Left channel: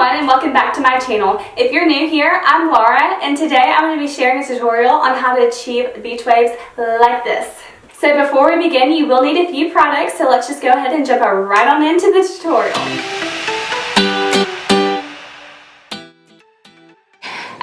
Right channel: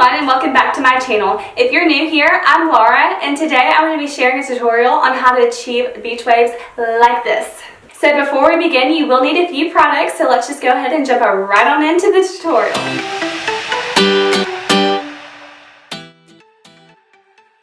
everyone, and welcome back to my channel. If you're new here, I'm Laura, and today I'm going to be sharing a tutorial on how to achieve beach waves like this. So before we begin, you will need a few products, so let's just go ahead and jump right on into the tutorial.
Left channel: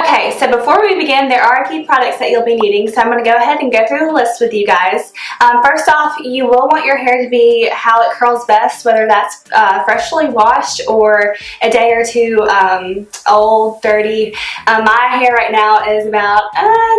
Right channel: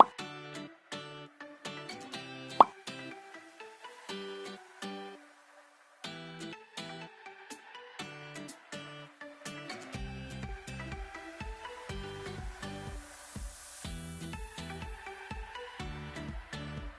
Okay, so before we begin, there are a few products that you'll be needing, so I'm going to go ahead and go through the list with you guys. First off, you will want your hair to be how it curls best, whether that's freshly washed or a day or two old, dirty. My hair right now is about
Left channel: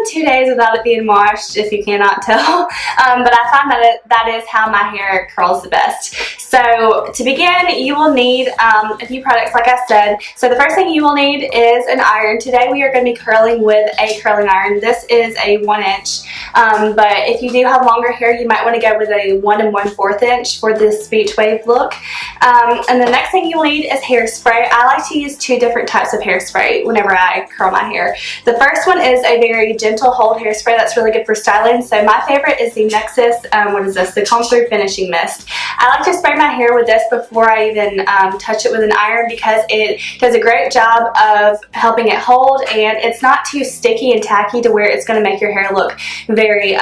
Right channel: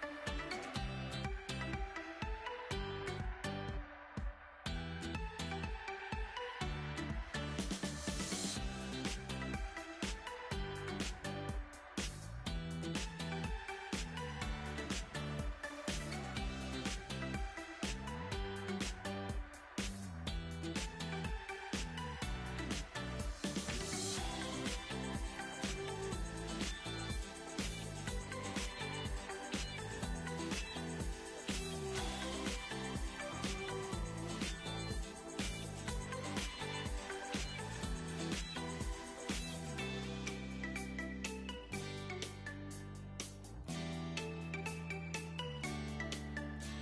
2 days without it being washed, if you cannot tell, but I find that is how my hair curls the best. So to begin, you will need a few products, like I said. So the first thing you will need is an iron. Today we are going to be curling with a curling iron. This is a 1 inch, but if you do have longer hair, you might want to go with a 1 1/4 inch for this beach wave look. And the next thing you'll need is hairspray. I like to use 2 different types of hairspray whenever I curl my hair. The first one is a very gentle hold hairspray that's really good for styling. So my favorite is the Nexxus, what is this? The Comb Through Finishing Mist. I like to spray my hair with this before I even touch it with an iron because it does a great job of helping it hold, and it's not too sticky and tacky to where it's going to make your hair look very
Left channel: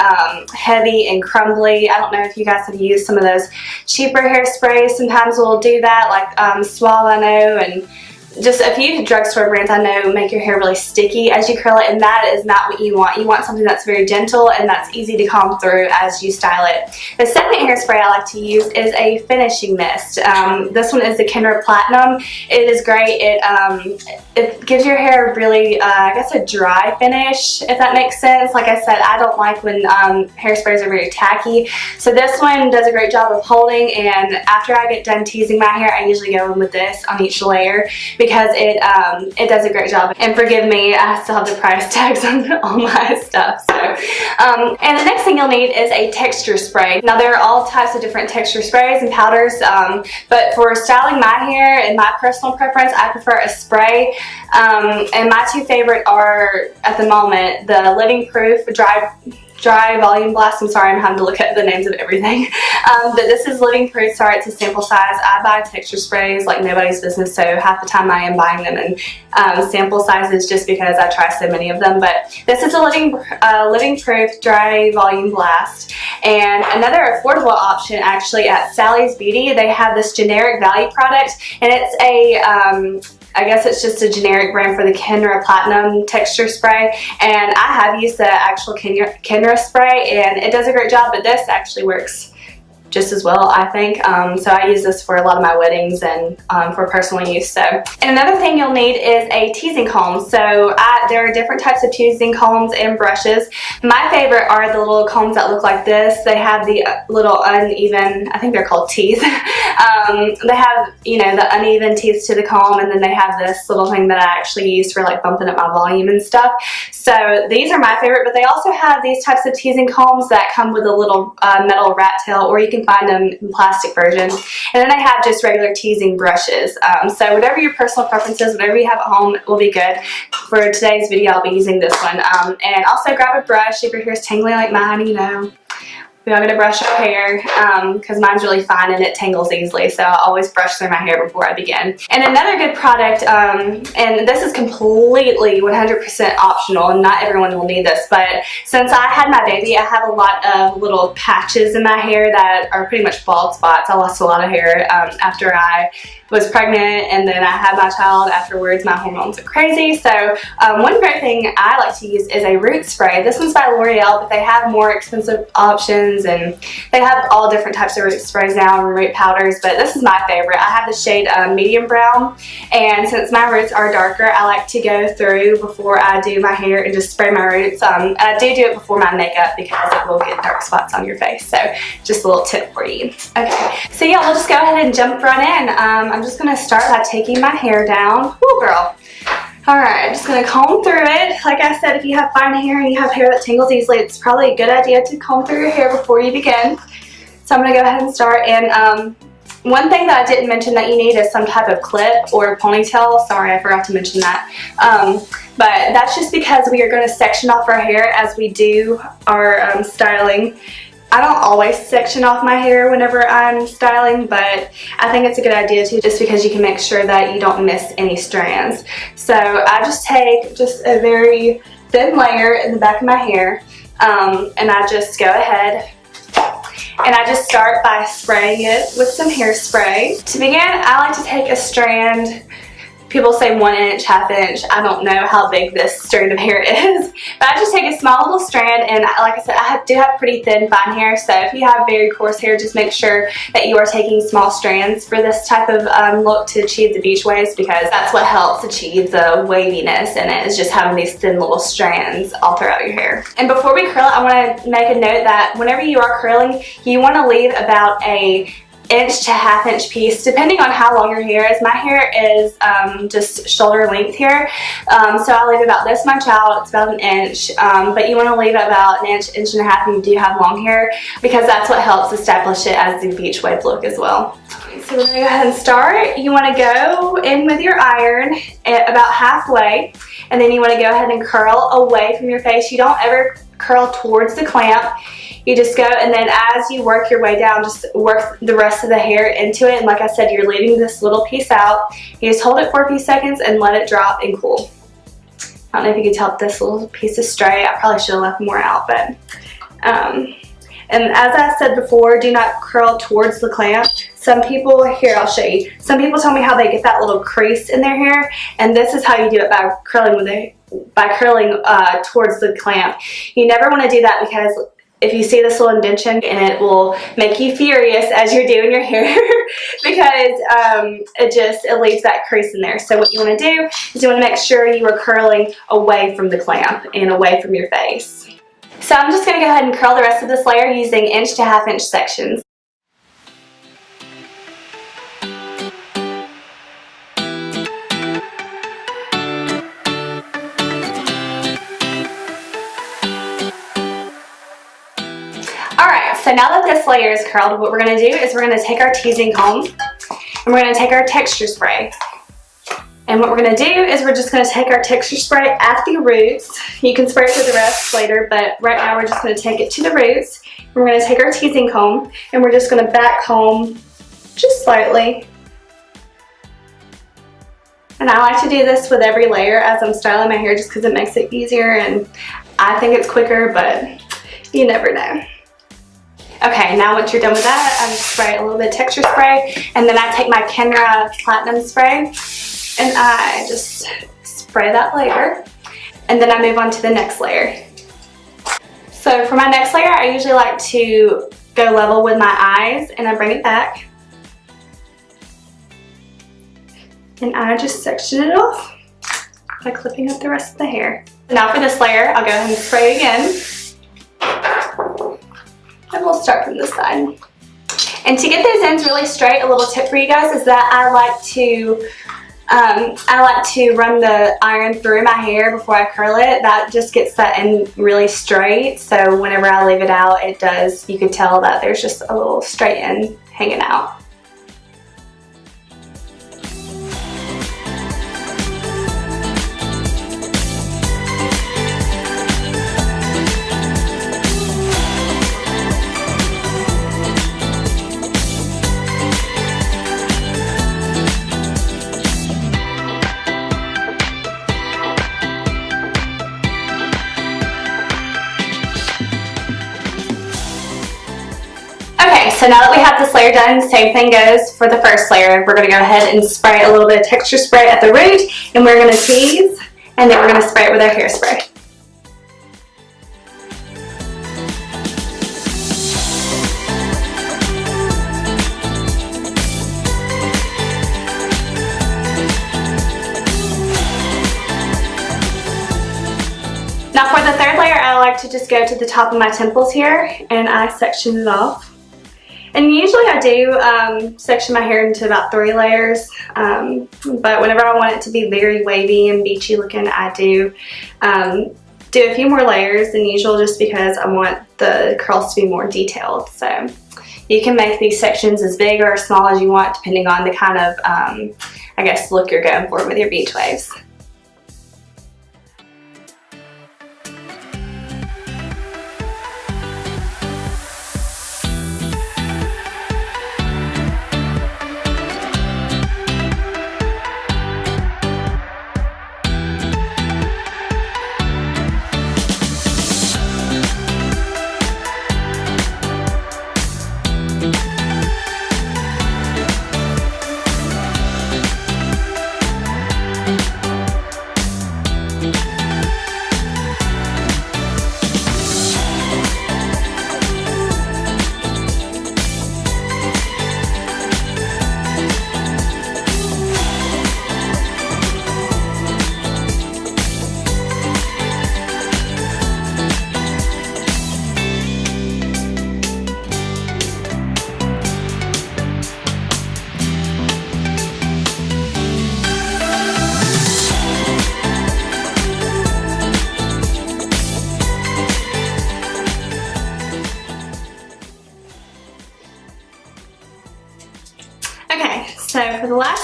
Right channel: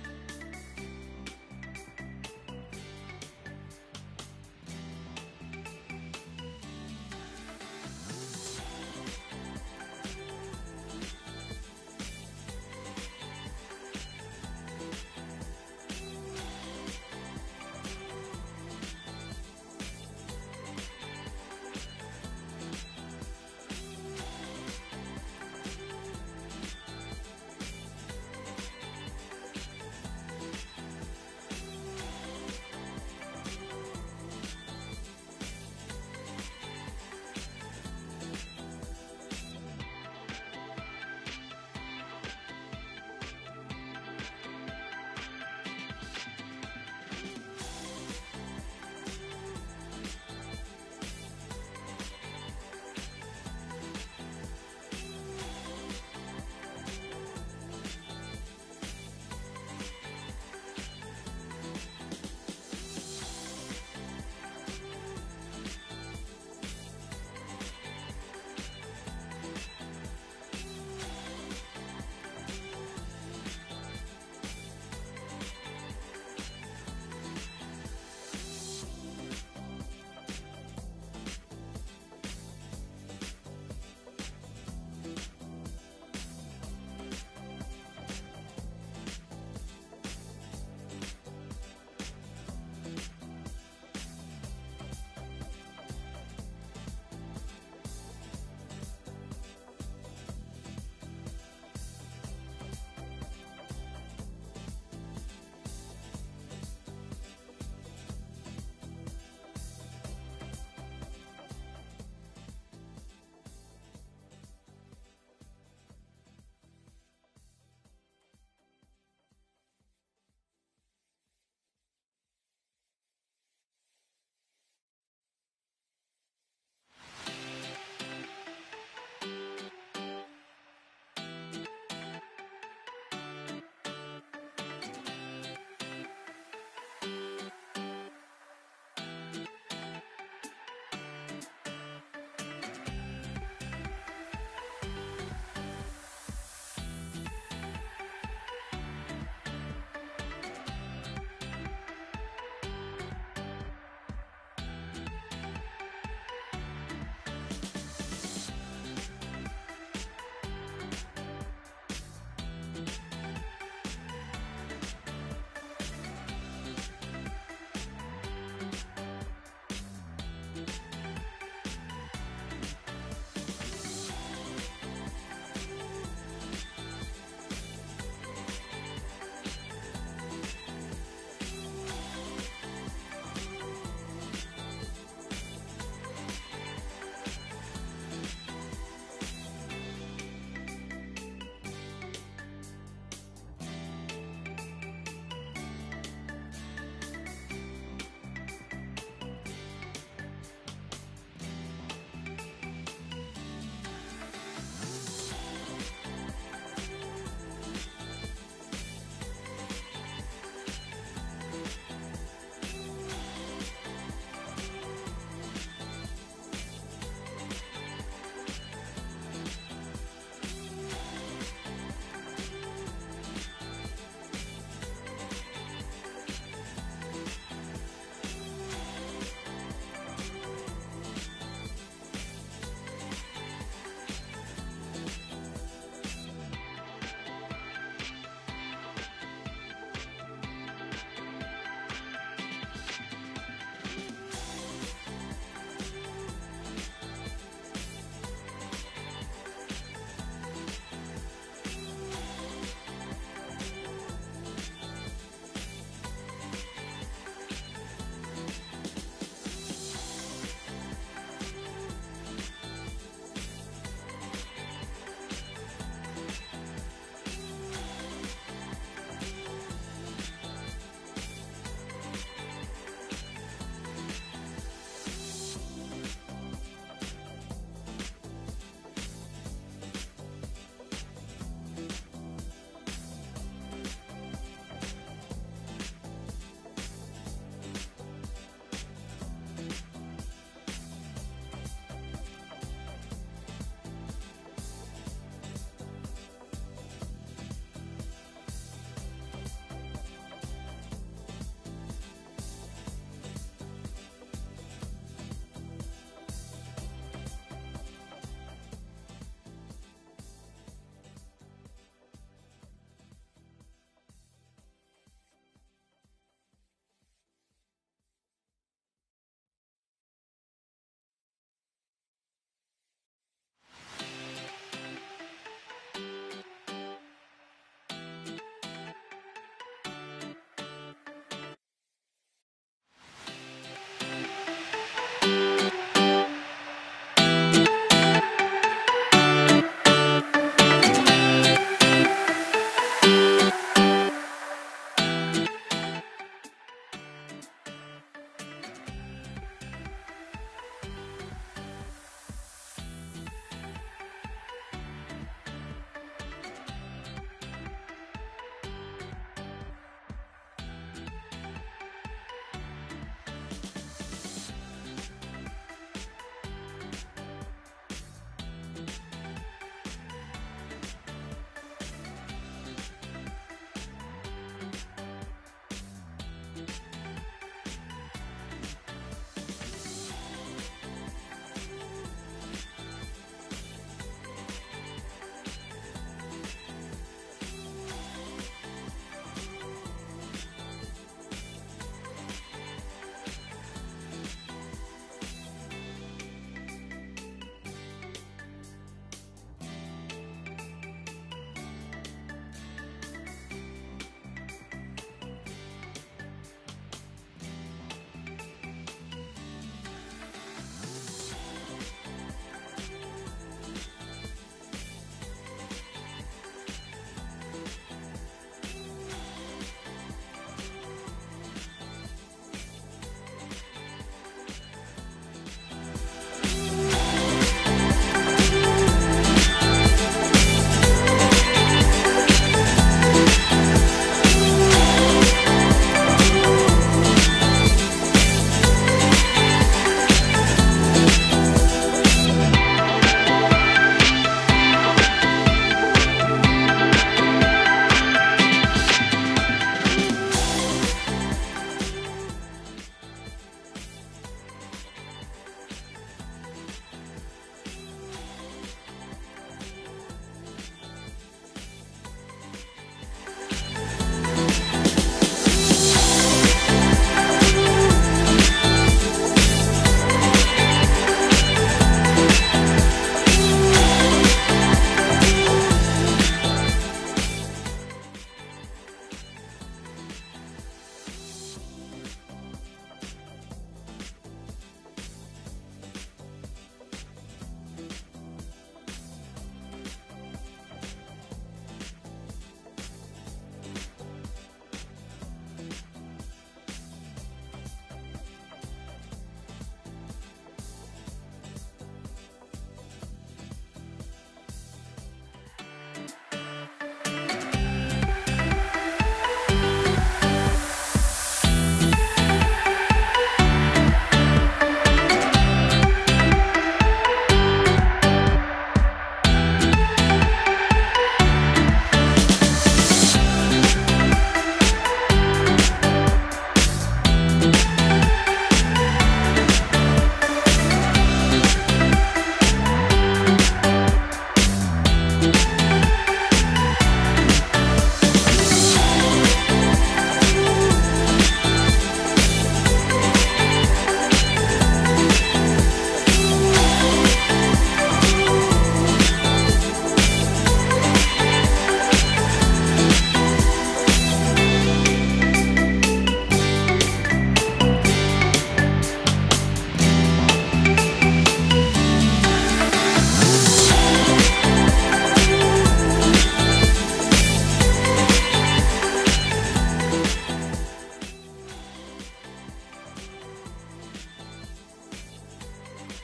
heavy and crumbly. I don't know if you guys have used some of those cheaper hairsprays. Sometimes we'll do that, like Suave, I know, and just a few drugstore brands I know make your hair really sticky as you curl it, and that is not what you want. You want something that's very gentle and that's easy to comb through as you style it. The second hairspray I like to use is a finishing mist. This one is the Kenra Platinum. It is great. It gives your hair really, I guess, a dry finish, if that makes sense. Like I said, I don't like when hairsprays are very tacky. So this one does a great job of holding, and after I get done teasing my hair, I usually go in with this on each layer, because it does a great job. And forgive me, I still have the price tags on all my stuff. So, and the next thing you'll need is a texture spray. Now there are all types of different texture sprays and powders, but for styling my hair and my personal preference, I prefer a spray. And my 2 favorite are, at the moment, the Living Proof Dry Volume Blast. I'm sorry, I'm having to look at the names of everything. But this is Living Proof. Sorry, it's a sample size. I buy texture sprays like nobody's business, so half the time I am buying them in sample sizes just because I try so many of them. But this is a Living Proof Dry Volume Blast. And another affordable option, actually, at Sally's Beauty, they have this generic value product, and it's a I guess it's just a generic brand for the Kenra Platinum texture spray, and I have used the actual Kenra spray, and it does a great job, but this actually works just as well, I think. So I use this for a lot of my weddings and for personal use. So, and another thing you'll need is a teasing comb. So there are different types of teasing combs and brushes. My favorite are the little combs that look like this. They have the little uneven, I think they're called teeth. They have, you know, the uneven teeth to the comb, and then they have this little thing that I actually use for like bumping up my volume and stuff. So these are my favorite, but they also have these types of teasing combs that come with a little metal rat tail, or you can find them in plastic versions. And then they have just regular teasing brushes. So whatever your personal preference is, whatever you have at home will be good. For today's video, I'll be using this one. And also grab a brush if your hair's tangling like mine, you know. We all gonna brush our hair because mine's really fine and it tangles easily, so I always brush through my hair before I begin. And another good product, and this is completely 100% optional, and not everyone will need this, but since I had my baby, I have a lot of little patches in my hair that are pretty much bald spots. I lost a lot of hair after I was pregnant, and then I had my child afterwards. My hormones are crazy. So one great thing I like to use is a root spray. This one's by L'Oreal, but they have more expensive options, and they have all different types of root sprays now and root powders, but this is my favorite. I have the shade medium brown, and since my roots are darker, I like to go through before I do my hair and just spray my roots. And I do it before my makeup because it will get dark spots on your face. So just a little tip for you. Okay, so yeah, we'll just go ahead and jump right in. I'm just gonna start by taking my hair down. Woo, girl. Alright, I'm just gonna comb through it. Like I said, if you have fine hair and you have hair that tangles easily, it's probably a good idea to comb through your hair before you begin. So I'm gonna go ahead and start. And one thing that I didn't mention that you need is some type of clip or ponytail. Sorry, I forgot to mention that. But that's just because we are gonna section off our hair as we do our styling. I don't always section off my hair whenever I'm styling, but I think it's a good idea to, just because you can make sure that you don't miss any strands. So I just take just a very thin layer in the back of my hair, and I just go ahead and I just start by spraying it with some hairspray. To begin, I like to take a strand. People say 1 inch, ½ inch. I don't know how big this strand of hair is, but I just take a small little strand, and like I said, I do have pretty thin, fine hair, so if you have very coarse hair, just make sure that you are taking small strands for this type of look to achieve the beach waves, because that's what helps achieve the waviness in it, is just having these thin little strands all throughout your hair. And before we curl it, I want to make a note that whenever you are curling, you want to leave about a 1 inch to ½ inch piece, depending on how long your hair is. My hair is just shoulder length here, so I'll leave about this much out. It's about 1 inch, but you want to leave about 1 inch, 1.5 inches if you do have long hair, because that's what helps establish it as the beach wave look as well. So we're going to go ahead and start. You want to go in with your iron at about halfway, and then you want to go ahead and curl away from your face. You don't ever curl towards the clamp. You just go, and then as you work your way down, just work the rest of the hair into it. And like I said, you're leaving this little piece out. You just hold it for a few seconds and let it drop and cool. I don't know if you can tell if this little piece is straight. I probably should have left more out, but and as I said before, do not curl towards the clamp. Some people, here I'll show you. Some people tell me how they get that little crease in their hair, and this is how you do it by curling towards the clamp. You never want to do that, because if you see this little indentation, and it will make you furious as you're doing your hair because it leaves that crease in there. So what you want to do is you want to make sure you are curling away from the clamp and away from your face. So I'm just going to go ahead and curl the rest of this layer using 1 inch to ½ inch sections. So now that this layer is curled, what we're going to do is we're going to take our teasing comb and we're going to take our texture spray. And what we're going to do is we're just going to take our texture spray at the roots. You can spray it to the rest later, but right now we're just going to take it to the roots. We're going to take our teasing comb and we're just going to back comb just slightly. And I like to do this with every layer as I'm styling my hair, just because it makes it easier, and I think it's quicker, but you never know. Okay, now once you're done with that, I just spray a little bit of texture spray, and then I take my Kenra Platinum spray, and I just spray that layer, and then I move on to the next layer. So for my next layer, I usually like to go level with my eyes, and I bring it back, and I just section it off by clipping up the rest of the hair. Now for this layer, I'll go ahead and spray again. And we'll start from this side. And to get those ends really straight, a little tip for you guys is that I like to run the iron through my hair before I curl it. That just gets that end really straight. So whenever I leave it out, you can tell that there's just a little straight end hanging out. So now that we have this layer done, same thing goes for the first layer. We're going to go ahead and spray a little bit of texture spray at the root, and we're going to tease, and then we're going to spray it with our hairspray. Now for the third layer, I like to just go to the top of my temples here, and I section it off. And usually I do section my hair into about 3 layers, but whenever I want it to be very wavy and beachy looking, I do a few more layers than usual, just because I want the curls to be more detailed. So you can make these sections as big or as small as you want, depending on the kind of, I guess, look you're going for with your beach waves.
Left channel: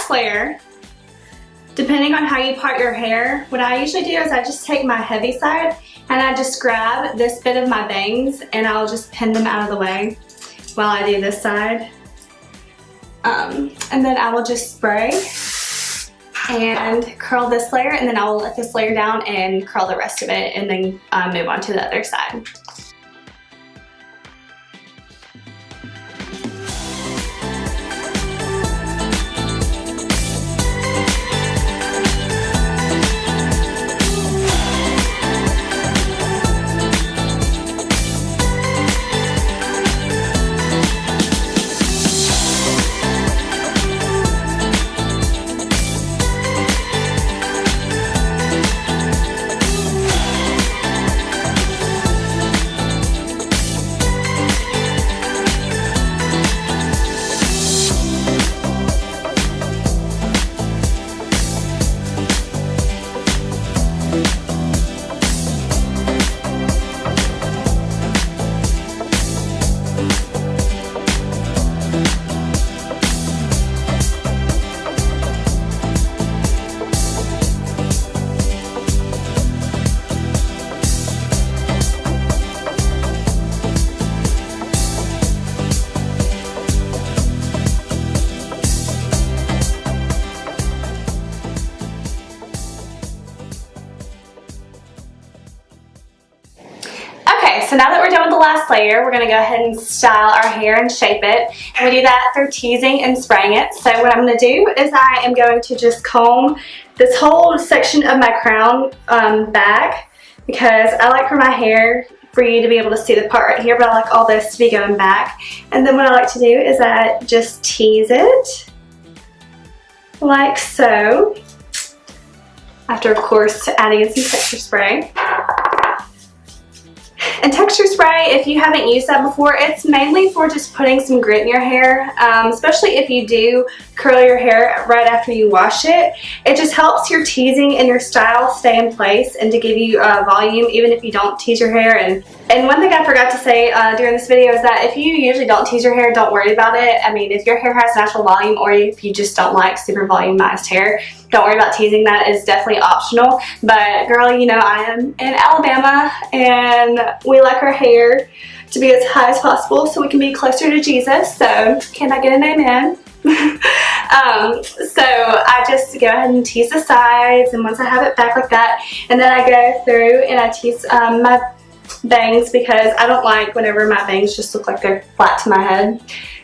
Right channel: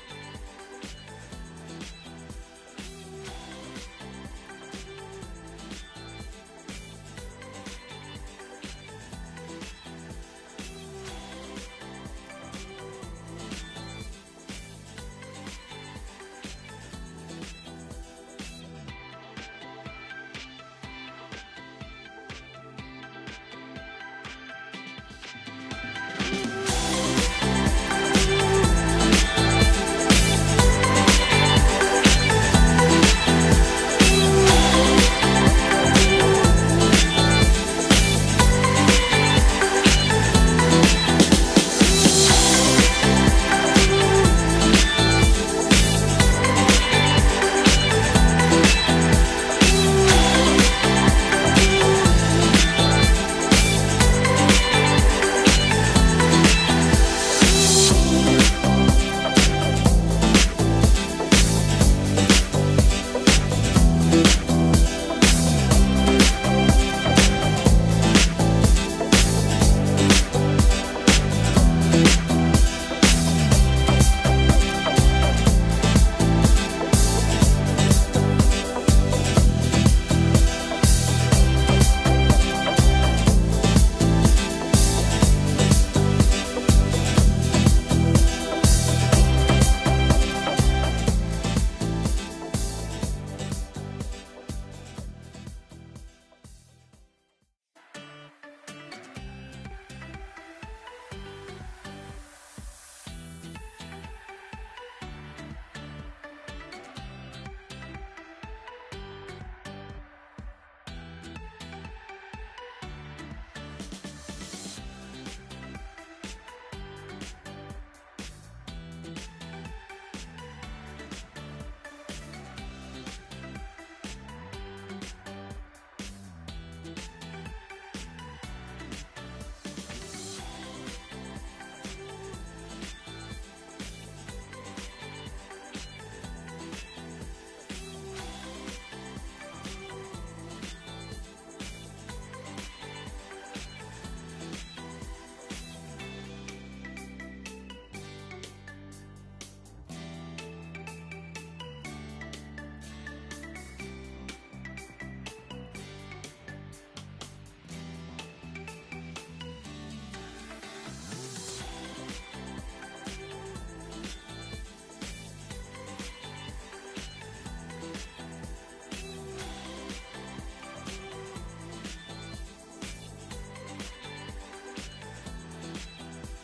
last layer, depending on how you part your hair, what I usually do is I just take my heavy side and I just grab this bit of my bangs and I'll just pin them out of the way while I do this side. And then I will just spray and curl this layer, and then I will let this layer down and curl the rest of it, and then move on to the other side. So now that we're done with the last layer, we're gonna go ahead and style our hair and shape it. And we do that through teasing and spraying it. So what I'm gonna do is I am going to just comb this whole section of my crown back, because I like for my hair for you to be able to see the part right here, but I like all this to be going back. And then what I like to do is I just tease it like so, after of course adding in some texture spray. And texture spray, if you haven't used that before, it's mainly for just putting some grit in your hair, especially if you do curl your hair right after you wash it. It just helps your teasing and your style stay in place and to give you volume even if you don't tease your hair. And one thing I forgot to say during this video is that if you usually don't tease your hair, don't worry about it. I mean, if your hair has natural volume, or if you just don't like super volumized hair, don't worry about teasing. That is definitely optional. But girl, you know, I am in Alabama and we like our hair to be as high as possible so we can be closer to Jesus. So can I get an amen? So I just go ahead and tease the sides, and once I have it back like that, and then I go through and I tease my bangs, because I don't like whenever my bangs just look like they're flat to my head.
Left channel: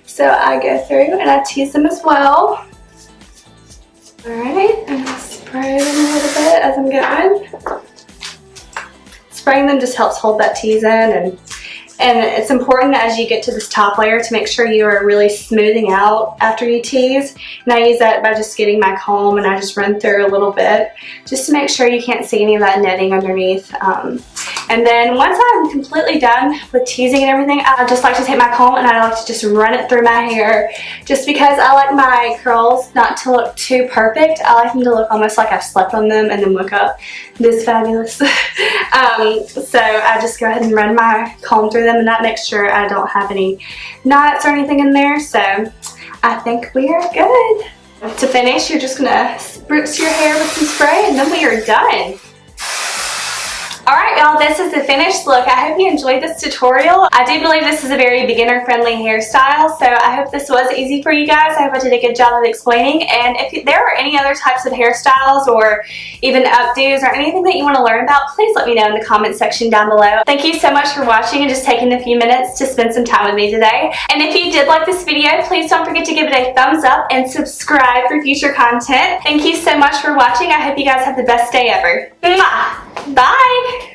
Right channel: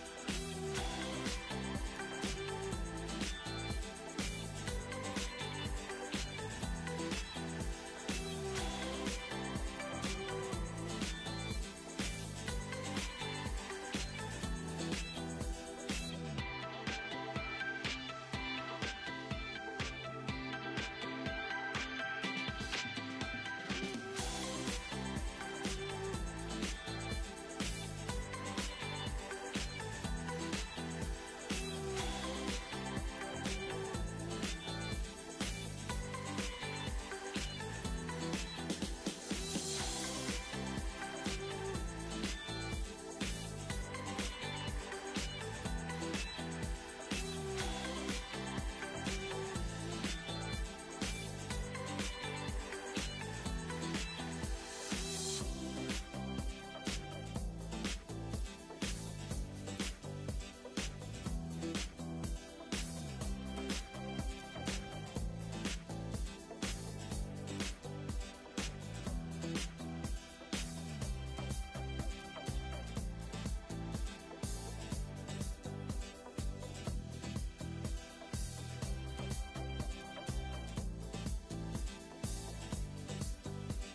So I go through and I tease them as well. Alright, and I spray them a little bit as I'm going. Spraying them just helps hold that tease in, and it's important as you get to this top layer to make sure you are really smoothing out after you tease. And I use that by just getting my comb and I just run through a little bit just to make sure you can't see any of that netting underneath. And then once I'm completely done with teasing and everything, I just like to take my comb and I like to just run it through my hair, just because I like my curls not to look too perfect. I like them to look almost like I've slept on them and then look up this fabulous. So I just go ahead and run my comb through them, and that makes sure I don't have any knots or anything in there. So I think we are good. To finish, you're just gonna spritz your hair with some spray, and then we are done. Alright y'all, this is the finished look. I hope you enjoyed this tutorial. I do believe this is a very beginner friendly hairstyle, so I hope this was easy for you guys. I hope I did a good job of explaining, and if there are any other types of hairstyles or even updos or anything that you want to learn about, please let me know in the comment section down below. Thank you so much for watching and just taking a few minutes to spend some time with me today. And if you did like this video, please don't forget to give it a thumbs up and subscribe for future content. Thank you so much for watching. I hope you guys have the best day ever. Mwah! Bye!